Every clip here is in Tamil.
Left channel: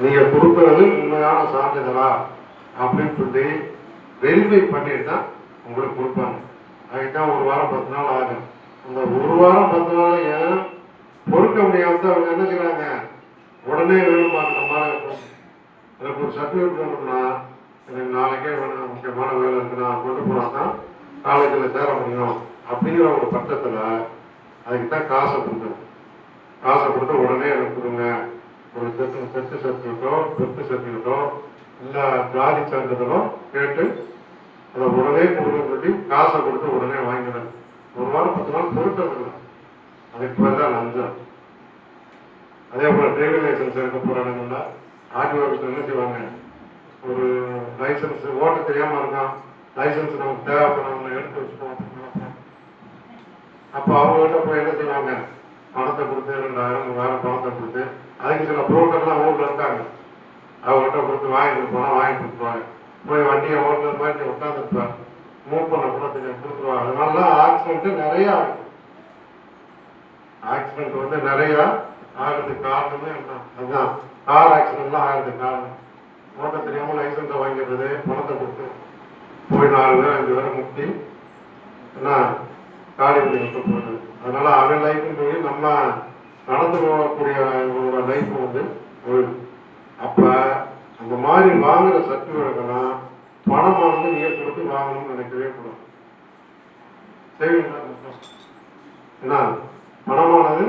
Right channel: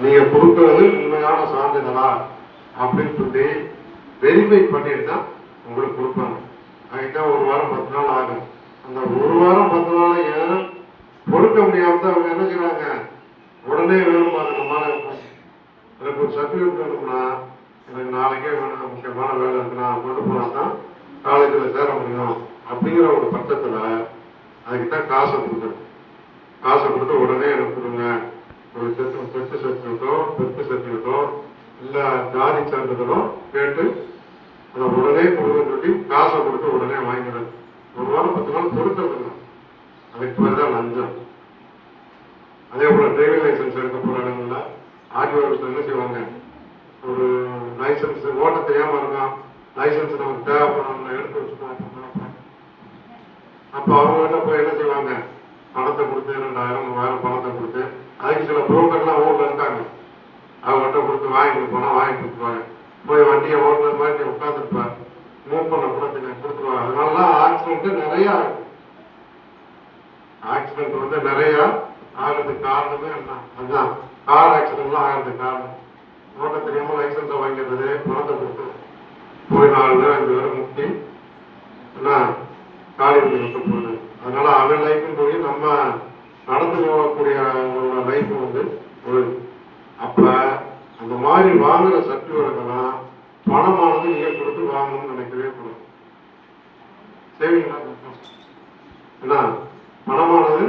நீங்க கொடுக்கறது உண்மையான சான்றிதழா அப்படின்னு சொல்லி வெரிஃபை பண்ணிட்டு தான் உங்களுக்கு கொடுப்பாங்க. அதுதான் 1 வாரம் 10 நாள் ஆகும். அந்த 1 வாரம் 10 நாள் ஏன் பொறுக்க முடியாம அவங்க என்ன செய்றாங்க, உடனே வேணுமாங்க. எனக்கு ஒரு சர்டிஃபிகேட் வேணும்னா எனக்கு நாளைக்கே வேணும், முக்கியமான வேலை இருக்கு, நான் கொண்டு போனா தான் காலேஜில் சேர முடியும் அப்படிங்கிற ஒரு பட்சத்தில் அதுக்குத்தான் காசை கொடுக்குறேன். காசை கொடுத்து உடனே எனக்கு கொடுங்க, ஒரு செட்டு சர்டிஃபிகேட்டோ இல்லை ஜாதி சான்றிதழோ கேட்டு அதை உடனே கொடுங்க சொல்லி காசை கொடுத்து உடனே வாங்கிடுறேன். 1 வாரம் 10 நாள் பொறுக்கிறது. அதுக்கு பேர் தான் லஞ்சம். அதே போல டிரைவிங் லைசன்ஸ் எடுக்க போகிற இடங்கள்ல ஆர்டிஓ ஆஃபீஸில் என்ன செய்வாங்க, ஒரு லைசன்ஸ் ஓட்ட தெரியாமல் இருக்கான், லைசன்ஸ் நமக்கு தேவைப்படும் எடுத்து வச்சுக்கோம். அப்போ அவங்ககிட்ட போய் என்ன செய்வாங்க, பணத்தை கொடுத்து 2000 3000 பணத்தை கொடுத்து, அதுக்கு சில புரோக்கர்லாம் ஊரில் இருக்காங்க, அவங்ககிட்ட கொடுத்து வாங்கிட்டு போனால் வாங்கி கொடுத்துருவாங்க. போய் வண்டியை ஓட்டுறது மாதிரி உட்காந்துருப்பார், மூவ் பண்ண கூட கொடுத்துருவாங்க. அதனாலலாம் ஆக்சிடென்ட்டு நிறையா ஆகும். ஆக்சிடென்ட் வந்து நிறையா ஆகிறதுக்கு காரணமே அதுதான். கார் ஆக்சிடென்ட்லாம் ஆகிறதுக்கு காரணம் ஓட்ட தெரியாமல் லைசன்ஸை வாங்கிடுறது, பணத்தை கொடுத்து போய் 4 பேர் 5 பேரை முட்டி என்ன காடி பண்ணி விட்டு போகுது. அதனால அவன் லைஃப்பும் போய் நம்ம நடந்து போகக்கூடிய லைஃப் வந்து ஒரு அப்போ அந்த மாதிரி வாங்குற சர்டிஃபிகேட்லாம் பணமானது நீங்கள் கொடுத்து வாங்கணும்னு நினைக்கவே கூடாது. சரிங்களா? என்ன பணமானது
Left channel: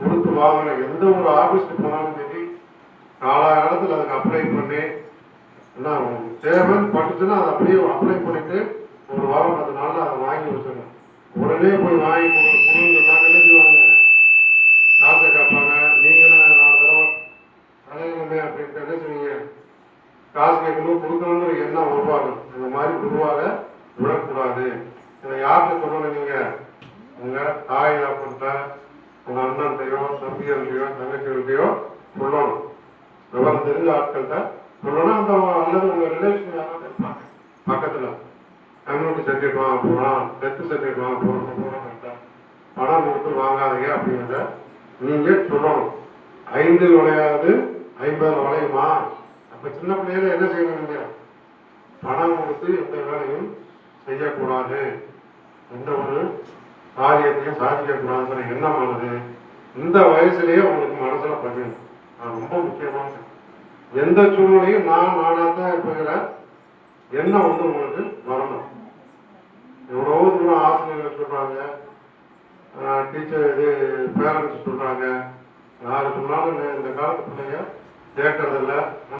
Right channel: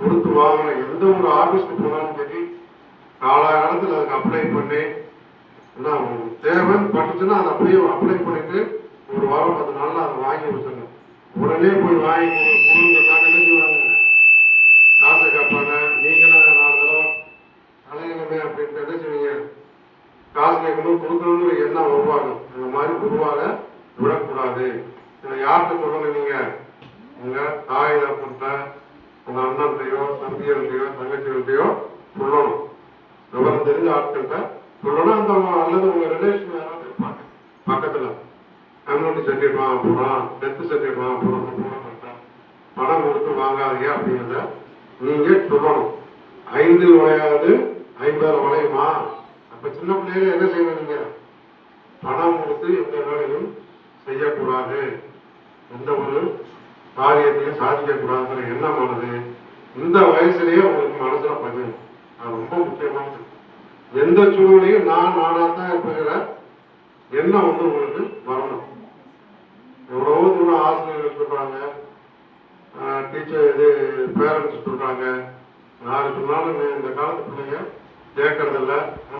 கொடுத்து வாங்கின எந்த ஒரு ஆஃபீஸ்க்கு போனாலும் சரி, காலாகாலத்தில் அதுக்கு அப்ளை பண்ணி என்ன உங்களுக்கு தேவைன்னு பட்டுச்சுன்னா அதை அப்படியே அப்ளை பண்ணிட்டு 1 வாரம் 10 நாளில் அதை வாங்கி வச்சுருங்க. உடனே போய் வாங்கி கொடுத்தாங்க என்ன செய்வாங்க, காசை கேட்பாங்க. நீங்களும் 4 தடவை அலையுமே அப்படின்ட்டு என்ன செய்வீங்க, காசு கேட்கணும் கொடுக்கணுங்கிற எண்ணம் உருவாகும். இந்த மாதிரி உருவாக விடக்கூடாது. இதை யார்கிட்ட சொல்லணும், நீங்கள் உங்கள் தாய் அப்படின்ட்ட உங்கள் அண்ணன்கிட்டையோ தம்பியர்களையோ தங்கச்சிகள்கிட்டையோ சொல்லணும். விவரம் தெரிஞ்ச ஆட்கள்கிட்ட சொல்லணும். அந்த அல்லது உங்கள் ரிலேஷன் யாராவது இருப்பாங்க பக்கத்தில், கம்யூனிட்டி சர்டிஃபிகேட் வாங்க போகிறோம், டெத்து சர்டிஃபிகேட் வாங்க போகிறோம், பணம் கொடுத்து வாங்காதீங்க அப்படிங்கிறத நீங்கள் சொல்லணும். 5 விளையாது 50 வளையுமா? அப்போ சின்ன பிள்ளைகள என்ன செய்யணும், நீங்கள் பணம் கொடுத்து எந்த வேலையும் செய்யக்கூடாது, எந்த ஒரு காரியத்தையும் சாதிக்கக்கூடாதுங்கிற எண்ணமானது இந்த வயசுலேயே உங்களுக்கு மனசுல பதியும். அது ரொம்ப முக்கியமானது. எந்த சூழ்நிலையும் நானாக தான் இருக்கிற எண்ணம் வந்து உங்களுக்கு வரணும். எவ்வளவோ தூரம் ஆசிரியர்கள் சொல்றாங்க, டீச்சர் இது பேரண்ட்ஸ் சொல்றாங்க, யாரு சொன்னாலும் இந்த காலத்து பிள்ளைங்க கேட்கறதில்ல.